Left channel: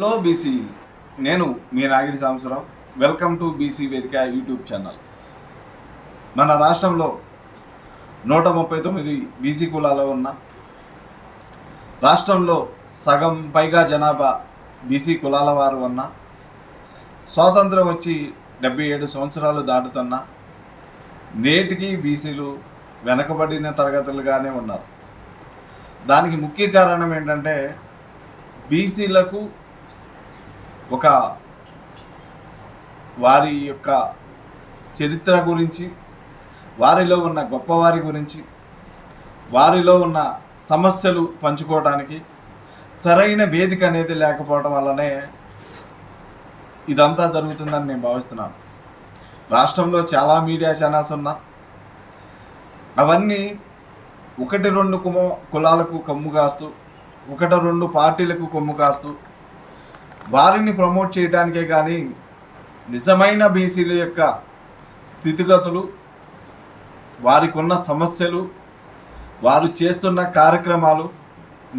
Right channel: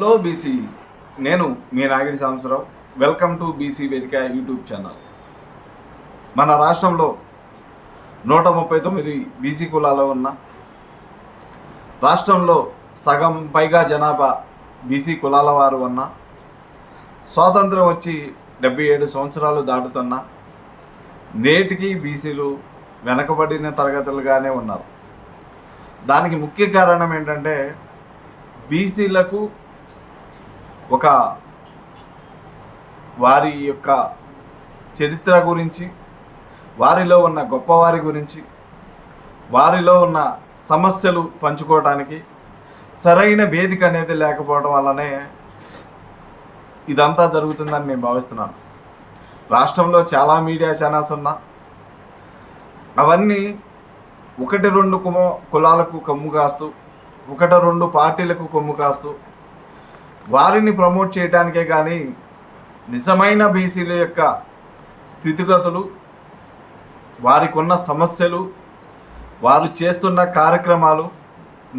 Hello BC నేను మీ Nagidi Sambasarao welcome to BC Vedika YouTube channel మన రాష్ట్రంలో నూట ముప్పై తొమ్మిది బీసీ కులాలు ఉన్న రాష్ట్రంలో సగం పైగా జనాభా బీసీ కులాల వారు ఉన్న స్వాతంత్రం వచ్చి డెబ్బై ఏడు సంవత్సరాలు దాటుతున్న నేటికి బీసీలు వెనకబడిన తరగతులుగానే ఉన్నారు. దానికి ముఖ్య కారణం ఏంటంటే బీసీలకు ఒక వారి యొక్క చరిత్ర గురించి వారిలో ఉన్న గొప్పవారి గురించి వారిలో ఉన్న సమస్యలు పంచుకోవడానికి సరైన వేదిక అనేది లేకపోవడం వల్లనే ఇదంతా జరుగుతుందని నేను భావిస్తున్నాను. రాష్ట్రంలో చాలా మీడియా ఛానల్స్ ఉన్నా అవన్నీ ఒకటి రెండు కుమ కులాలకు కమ్ము కాస్తూ ఒకటి రెండు పార్టీలకు కొమ్ము కాస్తూ వారిని ప్రమోట్ చేయడానికే కానీ నిజమైన బీసీల యొక్క స్థితిగతులు వారికి ఉన్న సమస్యలు వారు చేస్తున్న కార్యక్రమాలు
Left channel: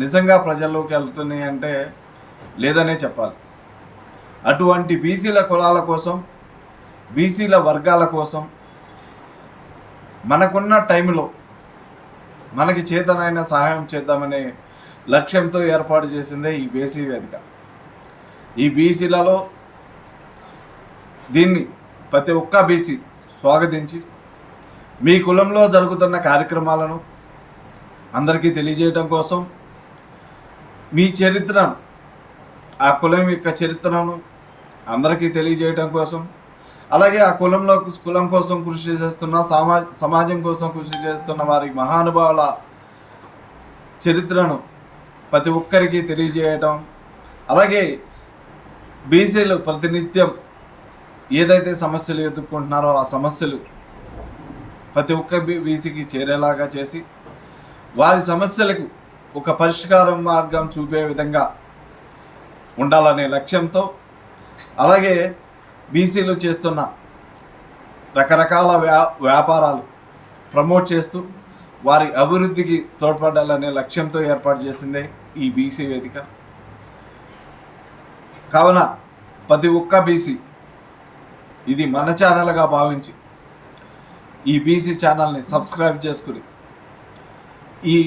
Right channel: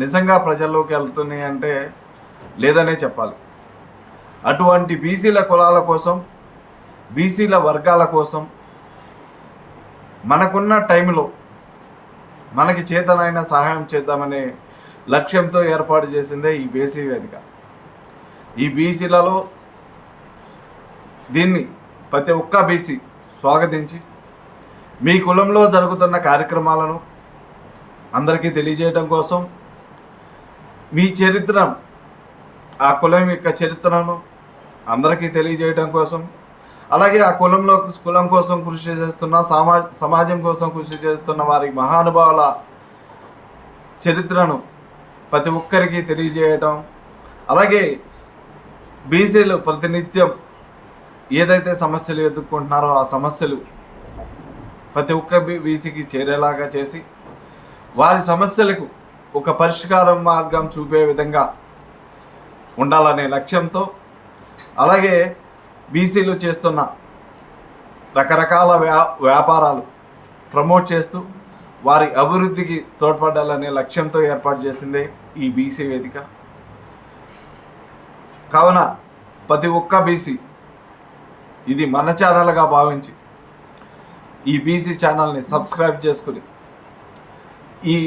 నిజంగా ప్రజల్లోకి వెళ్తున్నాయి అంటే లేదనే చెప్పాలి. అటువంటి బీసీల కులాల కోసం బీసీల వర్గాల కోసం మనకున్న టైంలో మనకి చేతనైన సహాయం చేద్దామనే లక్ష్యంతో ఏర్పాటు చేసిందే ఈ బీసీ వేదిక. ఈ బీసీలలో దీన్ని ప్రతి ఒక్క బీసీ స్వాగతించి మీ కులంలో జరుగుతున్న కార్యక్రమాలను అందరికీ తెలియజేయడం కోసం మీ చరిత్ర ఆ కులం యొక్క చరిత్రను అందరికీ తెలియజేయడం కోసం అలాగే ఆ కులంలో కులం కోసం కృషి చేస్తున్న సమా సమాజం కోసం కృషి చేస్తున్న వారి మహానుభావుల చరిత్రను ప్రతి ఒక్కరికి తెలియజేయటం అలాగే బీసీలు ప్రతినిత్యం ఏదైతే సమస్యలు ఎదుర్కొంటున్నారో ఆ సమస్యలు ప్రతి ఒక్క బీ బీసీకి చేరేలాగా చేసి వారి సమస్యలకు ఒక పరిష్కారం మార్గం చూపే విధంగా ఉండాలనే లక్ష్యంతో అలాగే బీసీలు చేస్తున్న రకరకాల వ్యా వ్యాపారాలు ప్రమోట్ చేస్తూ వారి అభివృద్ధికి తోడ్పడాలనే లక్ష్యంతో ఏర్పాటు చేసిందే ఈ బీసీ వేదిక. కావున ప్రతి ఒక్క బీసీ ఇది మన ఛానల్గా భావించి ఈ బీసీ ఛానల్ని సబ్స్క్రైబ్ చేసుకుని ఈ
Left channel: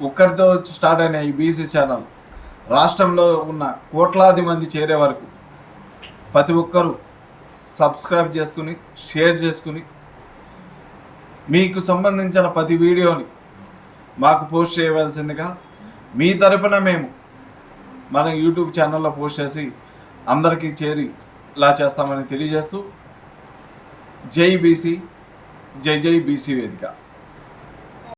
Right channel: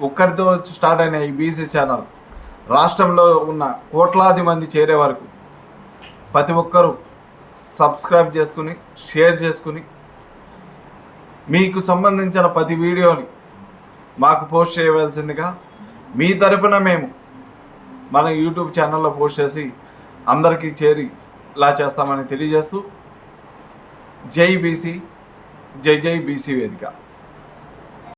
ఒక్కరితో స్టార్ట్ అయిన ఈ బీసీ ఛానల్ రాష్ట్రంలో ఉన్న కోట్లాది మంది చేరే వరకు ప్రతి ఒక్కరూ సబ్స్క్రైబ్ చేసుకుని షేర్ చేసుకుని మీకు సంబంధించిన ప్రతి వీడియోని మాకు పోస్ట్ చేయవలసిందిగా మీ తరపున మేము మన యూట్యూబ్ ఛానల్లో పోస్ట్ చేసి అందరికీ చేరి ఇలా చేస్తామని తెలియజేస్తూ జై బీసీ జై జై బీసీ వేదిక.